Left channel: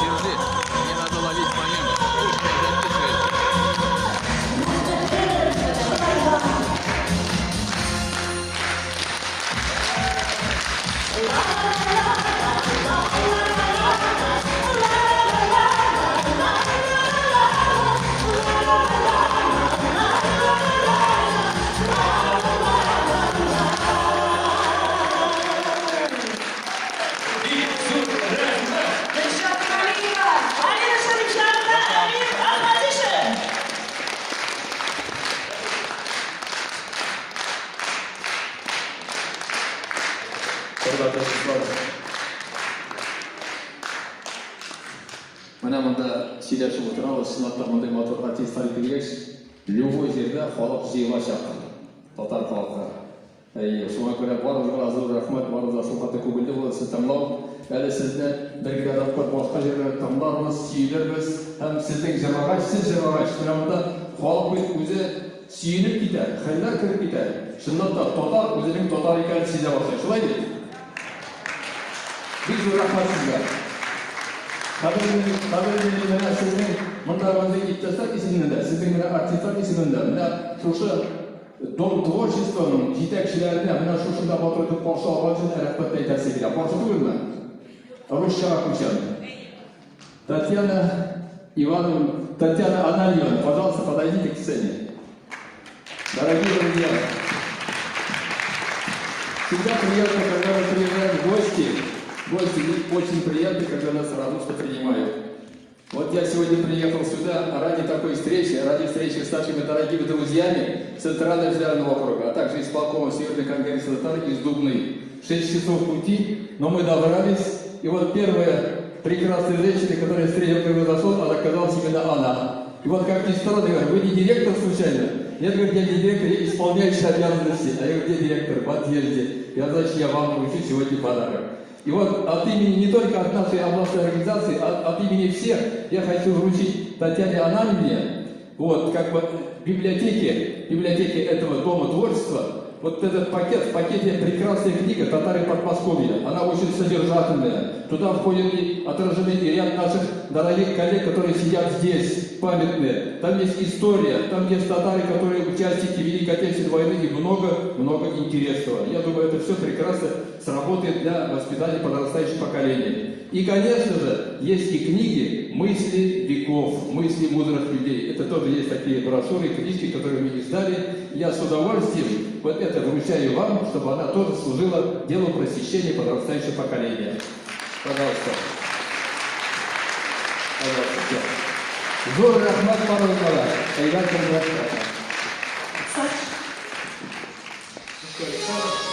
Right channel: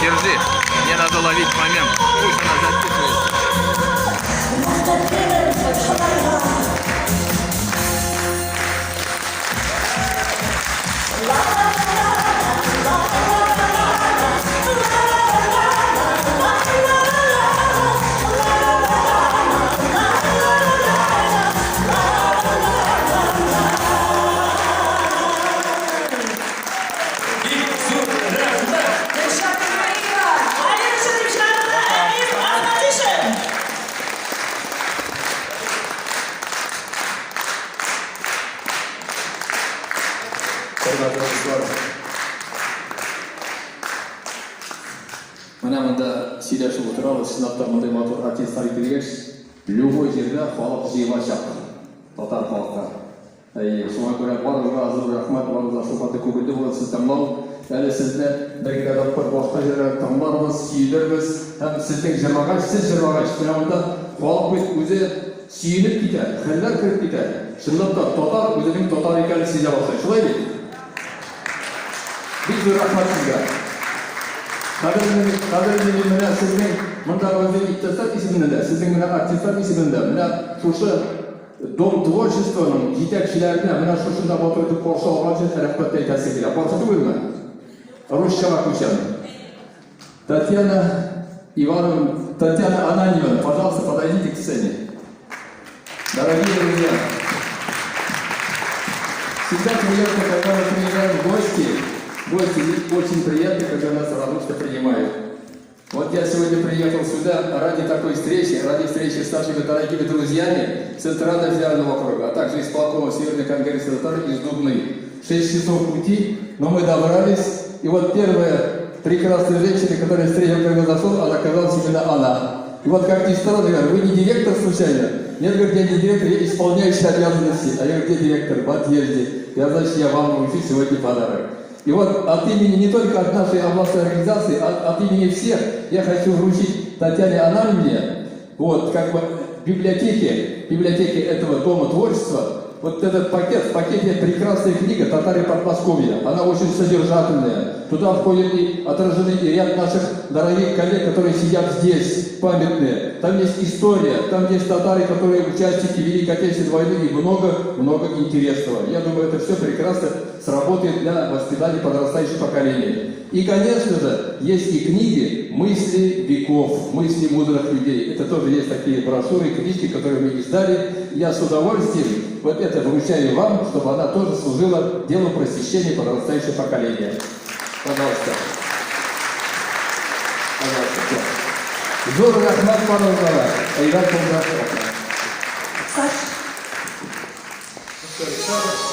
Держи, мне надо ловить момент. Пусть она записывает. Мына мында сөйлешіп отырамыз, шынында мындай матур артисттар келгеш, любой жерде халық жиыла шақырды, татар халыққа. Шуңа көрә барыңызға зор рахмат, барыңызға шоқаты көңілді болады сіз тыңлау. Әлі сізді бір адаппар башқа жерлерде тыңларбыз, сүйінербіз, һәм сіздің жырлағаш, сіз жырлағаш. Мына мында халық бит өзі сүйініп китә, хәлләр кіріп китә. Шынында татар өзінің татар екенін сезе башлайды. Шулай бит? Бик зор рахмат сезгә. Қадірлі мені сіздің мұнда өзің иттестар есебінде, сіздің мені артисттар есебінде, мені шушы Дом творчествоның жетекшілеріне мені шушында батырды қоршы алған үшін рахмет айтасы келеді. Қоршыты бөлме? Русшаға көшемін. Татьяна Ананьева, пожалуйста, подойдите к сцене. Дорогие друзья, всегда приятно, когда мы приезжаем в гости. Гости очень приятно, когда нас радушно принимают. Вот я сегодня приехал сюда ради такой встречи, ради встречи с нашими дорогими друзьями с Центрального федерального округа, а также из полкома Северной конгресса татар из Дубны. 6 часов пути, но мы добрались. И вот первая прекрасная женщина, которая встретила, когда зашел, она оказалась именно она. И вот как ни странно, говорю, вы не директор случайно? Нет, говорит, я не директор, я исполняющий обязанности. А я говорю, где директор? В отъезде. Я, значит, я вам вручу сегодня подарок. И вот от имени не только от нашей областной организации, а от имени всех я хочу вручить Татьяне Ананьевне, вот как бы библиотеке этого Дома творчества, вот этот пакет, в пакете прекрасная книга «Татары Подмосковья». Она очень содержательная. Туда входит и отражены и ряд наших дорогих коллег, которые сидят здесь, памятные. Там есть история, там есть татары, которые участники Великой Отечественной войны и много интересного. Я думаю, это все прекрасно сработает для воспитания подрастающего поколения. И, конечно же, есть и книги «Мысли веков», «Мысли мудрых людей». Это тоже есть такие брошюры, книжки, которые мы издали. Я с удовольствием вот это вручаю вам, чтобы она тоже служила делу просвещения подрастающего поколения. Пожалуйста. Пожалуйста. Зор Рахмат Паразара. Айдар Кумрашка. Саша.